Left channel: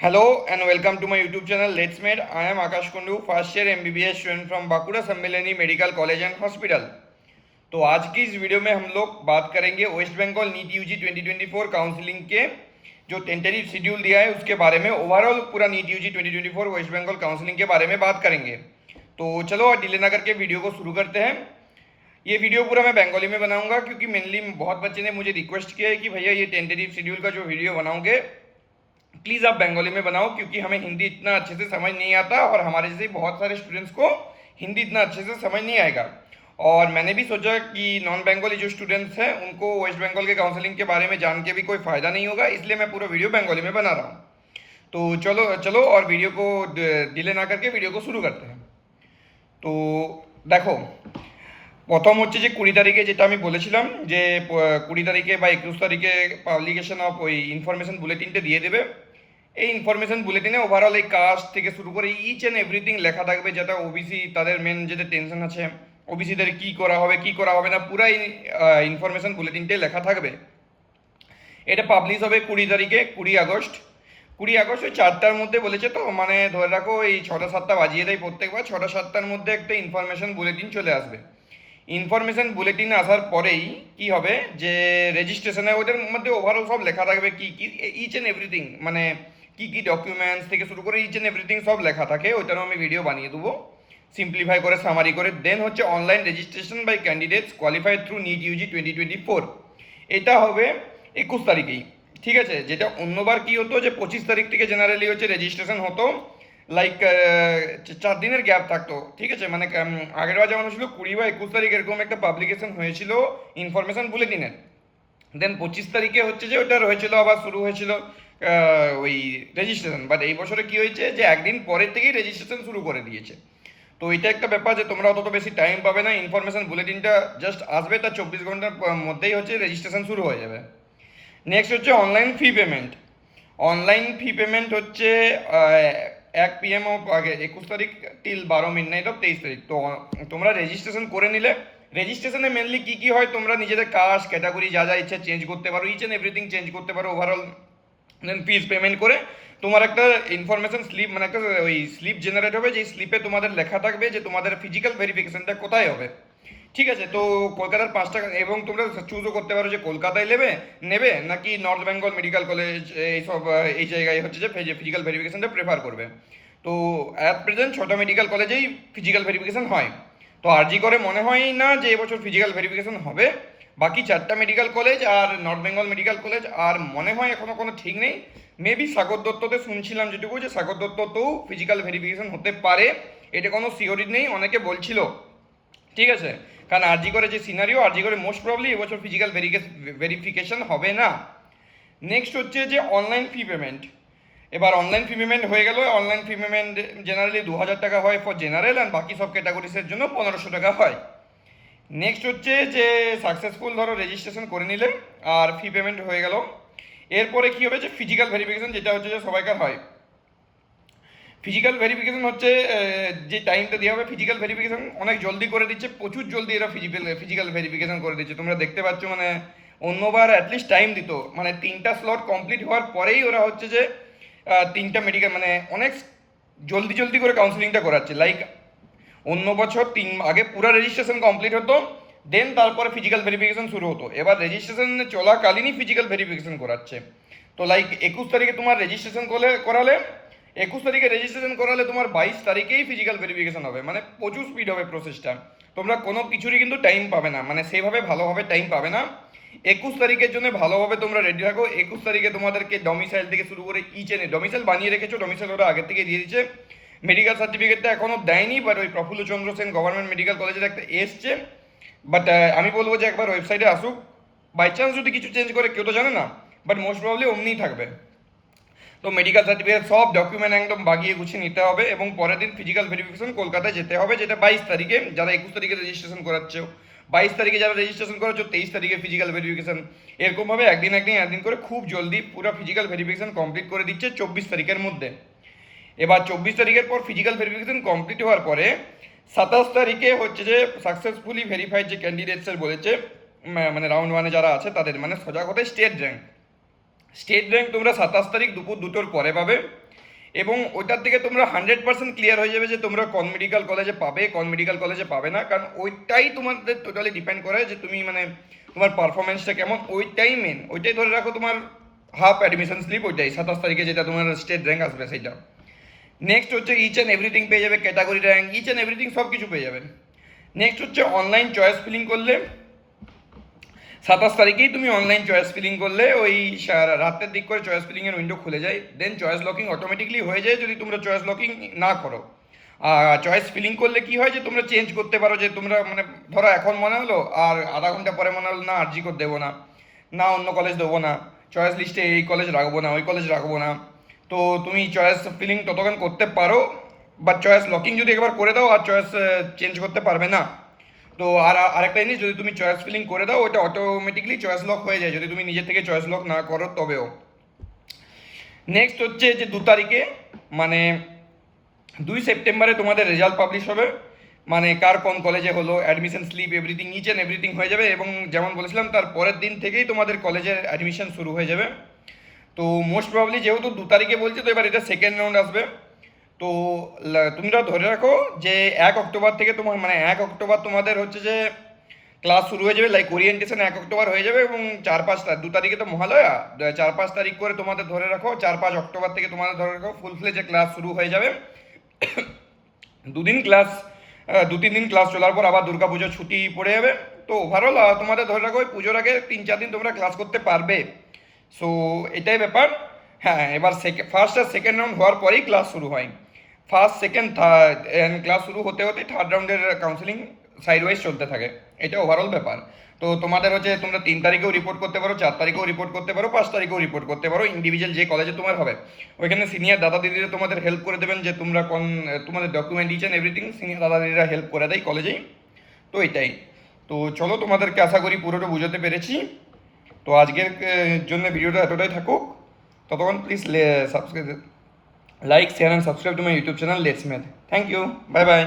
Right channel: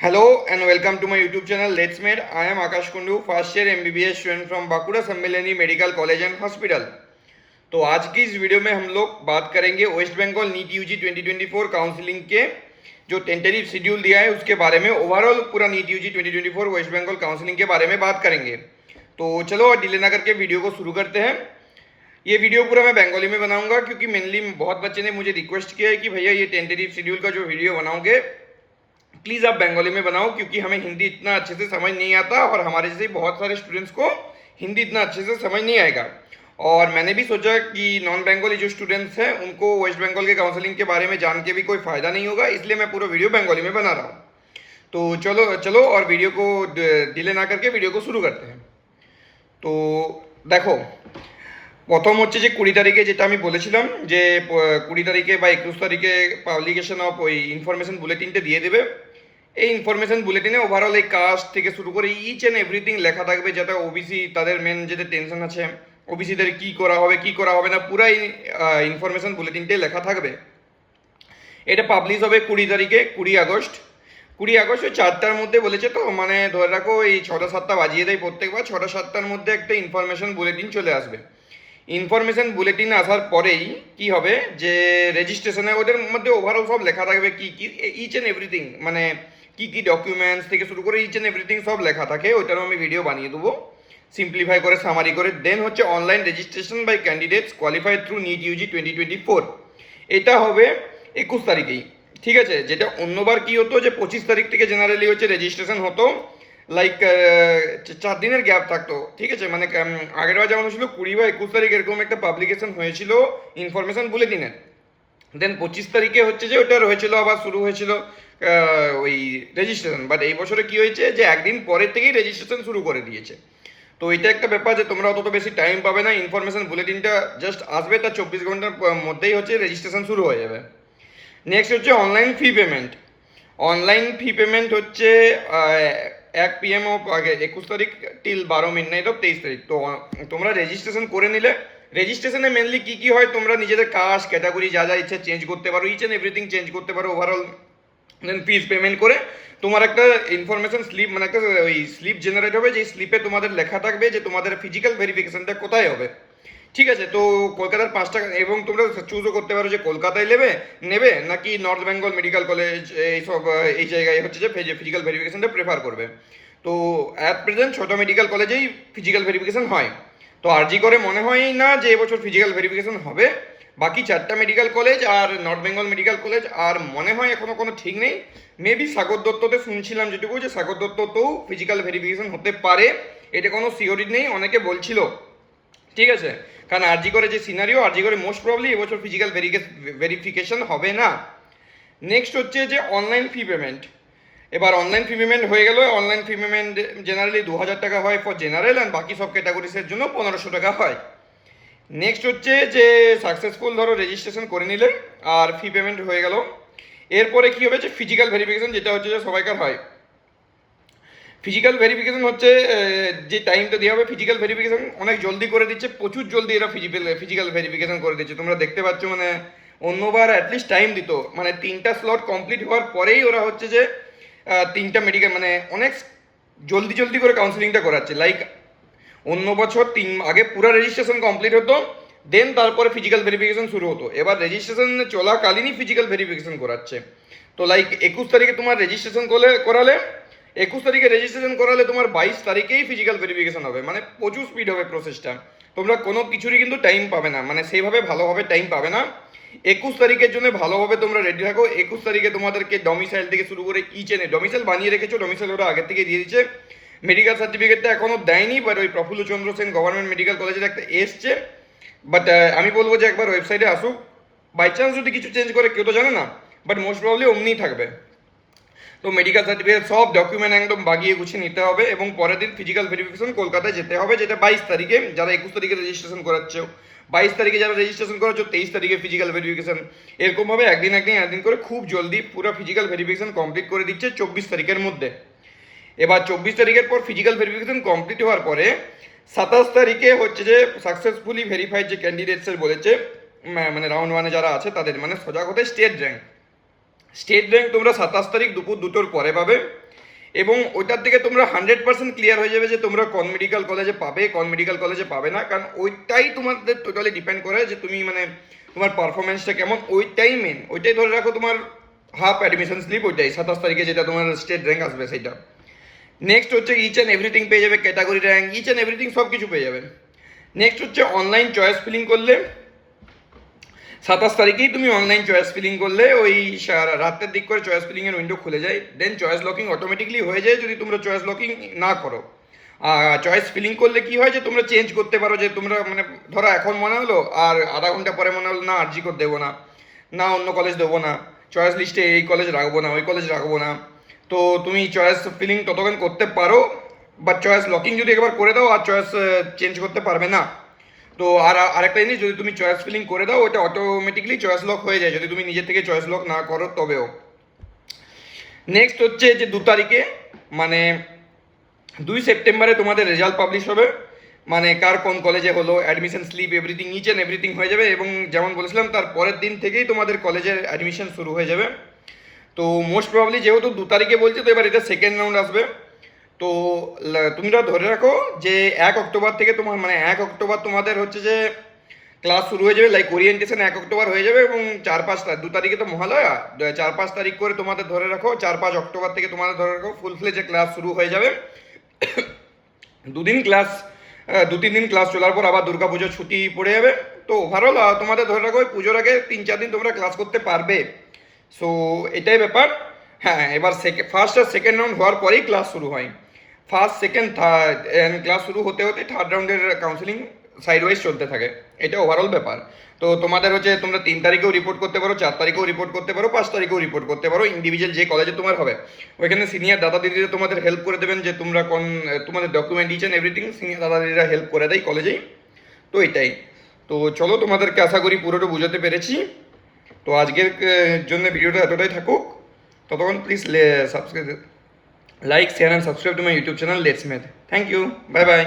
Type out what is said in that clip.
Hello and welcome to my YouTube channel Let's Med. I am Akash Kundu, first year MBBS student from Bankura Sammilani medical college and hospital. तो आज की इस video में हम लोग बात करेंगे West Bengal NEET UG 2024 counselling के जो टेंटेटिव शेड्यूल दिया है उसके बारे में, ओवरऑल पूरा NEET UG 2024 West Bengal counselling के बारे में बात करेंगे। तो चलो डिले ना करके वीडियो को शुरू करते हैं। ये वीडियो पूरा मैं बंगाली में बनाऊंगा क्योंकि मेनली बहुत बच्चे ने मुझे रिक्वेस्ट किया है कि भैया ये टेंटेटिव शेड्यूल का जो वीडियो बनाओगे प्लीज़ आप बंगाली में बनाओ, क्योंकि हमें हिंदी इतना अच्छे से समझ नहीं आता और हमारे जैसे बहुत सारे स्टूडेंट्स को हिंदी इतना अच्छे से समझ नहीं आएगा। और मैंने भी सोचा कि नॉन बंगाली जो स्टूडेंट्स हैं उनको वेस्ट बंगाल के काउंसलिंग के बारे में जान के भी कोई फ़ायदा नहीं होगा, इसलिए मैं पूरा वीडियो बंगाली में बना रहा हूँ। तो चलो चलो और वीडियो को डिले ना करके वीडियो को शुरू करते हैं। তো দেখো, প্রথম হচ্ছে যে 20 তারিখে যেটা আমি বলেছিলাম যে 20 তারিখে বা 21 তারিখে পাবলিকেশন অফ ওই ইনফরমেশন বুলেটিনটা দিয়ে দেবে। এই ইনফরমেশন বুলেটিনে ওভারঅল এই কাস্ট থেকে শুরু করে ইচ অ্যান্ড এভরিথিং লেখা থাকবে, যাতে ওবিসি তাদের মেন যেটা টেনশন আছে ওবিসিদের কী করা হবে কী করা হবে না, পুরাই ইনফরমেশন বুলেটিনটাই লেখা থাকবে। এটা পাবলিশ হবে 20 তারিখে, 20 আগস্ট। 20 আগস্ট ওই 4টার মধ্যে বলেছে, তো মানে ধরে রাখো এই 6টা-7টা বাজিয়ে দেয় প্রত্যেকবার, 6টা-7টার মধ্যে একটা ইনফরমেশন বুলেটিন চলে আসবে। ইনফরমেশন বুলেটিন আসার পরেই কি হবে যে রেজিস্ট্রেশনে ওদের মধ্যে ওভারঅল সব লেখা থাকবে কি কি ইচ অ্যান্ড এভরিথিং, মানে কি কি ডকুমেন্টস থেকে শুরু করে ইচ অ্যান্ড এভরিথিং সব লেখা থাকে। ওইটারও আমি ভিডিও বানিয়ে দেবো সিম্পলিফাই করে, সামারি করে। দেন হচ্ছে online registration by candidates qualified through NEET UG 2024, এটা হবে 21 তারিখেই। ঠিক আছে, যেটা অন্যবার কি হতো যে 25 তারিখ থেকে জেনারেলি হচ্ছে রেজিস্ট্রেশন হতো, লাইক 4 দিনের গ্যাপ থাকতো। ঠিক আছে, মানে আগের বার যেমন হয়েছিল 20 বা 21 তারিখ এরকম একটা পাবলিকেশন হয়েছিল ইনফরমেশন বুলেটিনের। দেন 25 তারিখে হচ্ছে যে ওটা হয়েছিল, আবার শুরু হয়েছিল ওই রেজিস্ট্রেশন। বাট এই বছরে কি হয়েছে যে একদিন পরের থেকেই রেজিস্ট্রেশন শুরু করে দিয়েছে। তো এটা একটা ব্যাপার যে তোমরা অতটা বেশি টাইম পাবে না, ইনফরমেশন বুলেটিনটা জাস্ট আসবে, তার 24 ঘন্টার মধ্যেই হচ্ছে রেজিস্ট্রেশন শুরু হয়ে যাবে। নেক্সট হচ্ছে online fee payment. Online fee payment হচ্ছে 1 PM অফ আগে 21 তারিখ টিল 12 মিডনাইট অফ 23 তারিখ। তো তোমরা রেজিস্ট্রেশন করে নিলে, রেজিস্ট্রেশনে মেনলি কি কি হয়, তোমরা নিজেদের কাস্ট ক্যাটাগরি যা যা ইচ্ছা চেঞ্জ করতে পারো, ইচ অ্যান্ড এভরিথিং চেঞ্জ করতে পারো ওভারঅল। দেন ফিজ পেমেন্ট করে তোমার একটা ইনফরমেশন স্লিপ, মানে একটা ওই স্লিপ জেনারেট হবে, যেই স্লিপে তোমাদের লেখা থাকবে যে তোমাদের ফিজিক্যাল ভেরিফিকেশনটা কোথায় হবে। ঠিক আছে, তো কলকাতার 5টা, এবং তোমরা চুজও করতে পারো যে কলকাতায় নেবে নাকি নর্থ বেঙ্গল মেডিকেল কলেজ এইসব এই জায়গায় হচ্ছে যে ফিজিক্যাল ভেরিফিকেশনটা প্রেফার করবে। তো অ্যাট প্রেজেন্ট 6টা মেডিকেল কলেজেই ফিজিক্যাল ভেরিফিকেশন হয়। তো আরজি করে মনে হয় না যে এবছর ফিজিক্যাল ভেরিফিকেশন হবে। বাকি 4টা মেডিকেল কলেজ আর নর্থ বেঙ্গল মেডিকেল কলেজ, আর মনে হয় এখনও কোনো ঠিক নেই। মেবি সাগর দত্ততে শুনছিলাম যেটুকু, যে সাগর দত্ততেও ফিজিক্যাল ভেরিফিকেশন হতে পারে, এটা কোনো সিওরিটি নেই, অনেকে বলছিল। ঠিক আছে, কারণ আরজি করে যে সিনারিও, আরজি করে মোস্ট প্রবলি এবছর ফিজিক্যাল ভেরিফিকেশন হবে না। নেক্সট হচ্ছে যে অনলাইন ফি পেমেন্ট। এবার অনলাইন ফি পেমেন্ট হয়ে গেল। অনলাইন ফি পেমেন্ট জেনারেলি 2000 টাকা হয় ফর জেনারেল, অ্যান্ড বাকি সব ক্যাটাগরিসের জন্য 1500 টাকা হয়। নেক্সট হচ্ছে যে সাকসেসফুল ধরো রেজিস্ট্রেশন করে নিলে আর ফি পেমেন্ট হয়ে গেল। এরপরে কি হবে যে ফিজিক্যাল ভেরিফিকেশন, যেটা হচ্ছে যে সবাইকার হয়। ফিজিক্যাল ভেরিফিকেশন হচ্ছে যে টাইমটা দেওয়া হবে, ফিজিক্যাল ভেরিফিকেশন অনেক জলদি করে দিচ্ছে, প্রচুর জলদি এরা ফিজিক্যাল ভেরিফিকেশন করে দিচ্ছে। তোমরা দেখতে পাচ্ছ, মানে অন্যবার অ্যাটলিস্ট টাইম দিত, মানে 3টা স্লট কমপ্লিট হওয়ার পরেই ওরা হচ্ছে যে 3টা মেডিকেল, মানে অনেক জলদি জলদি করে কাউন্সিলিংটা করাচ্ছে। লাইক অন্য বছর আগে পুরো রেজিস্ট্রেশন কমপ্লিট হতো, দেন তারপরে ফিজিক্যাল ভেরিফিকেশন শুরু হতো। এবার রেজিস্ট্রেশন চলাকালীনই ফিজিক্যাল ভেরিফিকেশন করাচ্ছে। তো লাইক 21 তারিখে তোমার রেজিস্ট্রেশন করালে 21 তারিখে রেজিস্ট্রেশন করালে তোমার 22 তারিখেই ফিজিক্যাল ভেরিফিকেশন হবে, মানে প্রচুর স্পিড হবে প্রসেসটা। তোমরা কোনো কিছুরই কিন্তু টাইম পাবে না, মানে সেইভাবে ভালোভাবে টাইম পাবে না। 21 তারিখের জন্য ভালোভাবে তোমরা রেডি থাকো। 21 তারিখে তোমাদেরকে ডমিসাইল থেকে শুরু করে ইচ এনে ডমিসাইল বানিয়ে রেখেছো, ডমিসাইল ওরা আগের থেকে দিয়ে দিচ্ছে। মেডিকেল সার্টিফিকেটটা এখনও দেয়নি, বাট ওই প্রফুল্ল চন্দ্র সেন গভর্নমেন্ট মেডিকেল কলেজের একটা এসছে। বাট আমি বলবো যে একবার ওয়েবসাইটে আসুক, বাই চান্স যদি কিছু চেঞ্জ করে কেউ তো জানে না, বাট মোস্ট প্রবলি অমনিই থাকবে। তো মেডিকেল সার্টিফিকেট সব ডকুমেন্ট একদম বাগিয়ে গুছিয়ে নিতে হবে, এবং পরের দিন ফিজিক্যাল ভেরিফিকেশন কলকাতায় যেতে হবে, যেটা 22 তারিখে। যারা 21 তারিখে রেজিস্ট্রেশন করাচ্ছো, 22 তারিখে যারা রেজিস্ট্রেশন করাচ্ছ, 23 তারিখে ফিজিক্যাল ভেরিফিকেশন। এরকমভাবে একদিন করে খুব জলদি পুরো ফিজিক্যাল ভেরিফিকেশন কমপ্লিট করে দিচ্ছে 24 তারিখের মধ্যে। এবার 24 তারিখের পর ফিজিক্যাল ভেরিফিকেশন কমপ্লিট হওয়ার পরে 27 তারিখে হচ্ছে যে সাকসেসফুলি ভেরিফাইড যে ক্যান্ডিডেটসের বলেছে, মানে রাউন্ড 1-এ যারা আছে তাদের, মানে সোজা কথায় স্টেট র্যাঙ্ক তোমরা 27 তারিখ দুপুর 2টোর পরে পাবে। এবং ওইটার থেকে তোমরা 100% ক্লিয়ার হয়ে যাবে যে তোমরা কোন মেডিকেল কলেজে পাবে, কোন মেডিকেল কলেজে পাবে না, কারণ ওইটাই তোমাদের টোটালি ডিপেন্ড করে যে তুমি মানে তোমার পারফরমেন্সটা কেমন, ওইটাই মেন, ওইটাই ধরে রাখো তোমার হাফ অ্যাডমিশন স্লিপ, ওইটাই 27 তারিখে যেটা তোমার স্টেট র্যাঙ্ক আসবে সেটা। নেক্সট হচ্ছে ইচ অ্যান্ড এভরিথিং পেয়ে যাবে, category rank, each and everything সব কিছু পেয়ে যাবে। নেক্সট হচ্ছে অনলাইন চয়েস ফিলিং করলে 27 তারিখেই তুমি অনলাইন চয়েস ফিলিং করলে ওই রাতের দিক করে চয়েস ফিলিংয়ের উইন্ডো খুলে যায়, দেন চয়েস লকিং অটোমেটিকলি হয়ে যায় যদি তোমরা চয়েস লকিং না করো। আর চয়েস ফিলিং করলে কি হয় যে তোমরা চেঞ্জ করতে পারো, যে তোমরা মানে ধরো এখন মনে হলো আর আধা ঘন্টা পরে মনে হলো না আরজি করে দেবো না, না অন্য কলেজ দেবো না, চয়েস লিস্টে এই কলেজ রাখবো না, ওই কলেজ রাখবো না, তো তুমি চয়েস ফিলিং ততক্ষণ করতে পারো, বা চয়েস লকিং যদি একবার করে দাও আর চয়েস চেঞ্জ করতে পারবে না। তো আর আরেকটা জিনিস, যদি তুমি চয়েস ফিলিং করে দাও ওটা অটোমেটিকলি চয়েস লক হয়ে যায় যদি তুমি নিজে থেকে চয়েস লক না করো তবেও। নেক্সট হচ্ছে যে 2 তারিখে মানে 2 সেপ্টেম্বরে তোমাদের রেজাল্ট পাবলিশ হবে, মানে কার কোন কলেজে হলো, admission slip everything each and everything হয়ে যাবে, এবং যেমন বলেছিলাম তার পরের দিন থেকেই তোমাদের কলেজের অ্যাডমিশন শুরু হয়ে যাবে। তো মোস্ট প্রবাবলি যেহেতু 2 তারিখে বলছে, তো এবার এটা সেকেন্ড রাউন্ড আসবে। তো তোমরা ধরে রাখো যে 1 অক্টোবর থেকে তোমার মানে 1 অক্টোবর তোমাদের হচ্ছে যে ক্লাস শুরু হয়ে যাবে, লাইক ওরিয়েন্টেশন 1 অক্টোবর হয়ে যাবে, এবং 4-5 2 তারিখে তো মহালয়া, 4-5 তারিখ করে তোমাদের ধরে রাখো 4-5 অক্টোবর থেকে তোমাদের ধরে রাখো ফুল ফ্লেজে ক্লাস শুরু হয়ে যাবে। দুদিন ক্লাস 2-3 দিন ক্লাস চলার পর আবার দুর্গাপুজোর ছুটি পড়ে যাবে। তো ওভারঅল তোমাদের ধরে রাখো ওই পুজোর আগে 3-4 দিন তোমরা ক্লাস করতে পারবে। সো এটাই ব্যাপার। হ্যাঁ, এবার ফার্স্ট আর সেকেন্ড রাউন্ড হওয়ার পরেই ক্লাস শুরু হয়, ফার্স্ট সেকেন্ড থার্ড ক্লাস শুরু হতে হতে থার্ড রাউন্ডের কাউন্সিলিং সাইড ওয়াইজ চলতে থাকে, এটা ওভারঅল ব্যাপার। তো তোমাদের হচ্ছে তোমরা 3 তারিখেও রিপোর্ট করতে পারো, 4 তারিখেও রিপোর্ট করতে পারো, 5 তারিখেও রিপোর্ট করতে পারো, ইন্ডিভিজুয়াল যে কলেজে তোমার হবে ওইখানে সিনিয়র দাদা দিদিরা তোমাদের হেল্প করে দেবেন, যে তোমরা কোন তোমাদের document each and everything senior দাদা দিদিরা হেল্প করে দেয় কলেজেই। তো এটাই। তো চলো, তোমাদেরকে আশা করি পুরোটা বুঝাতে পেরেছি। তো আজকের জন্য ভিডিওটা এতটাই থাকুক, ততক্ষণ please subscribe, like, share and subscribe to my YouTube channel let's made. Thank you, bye by.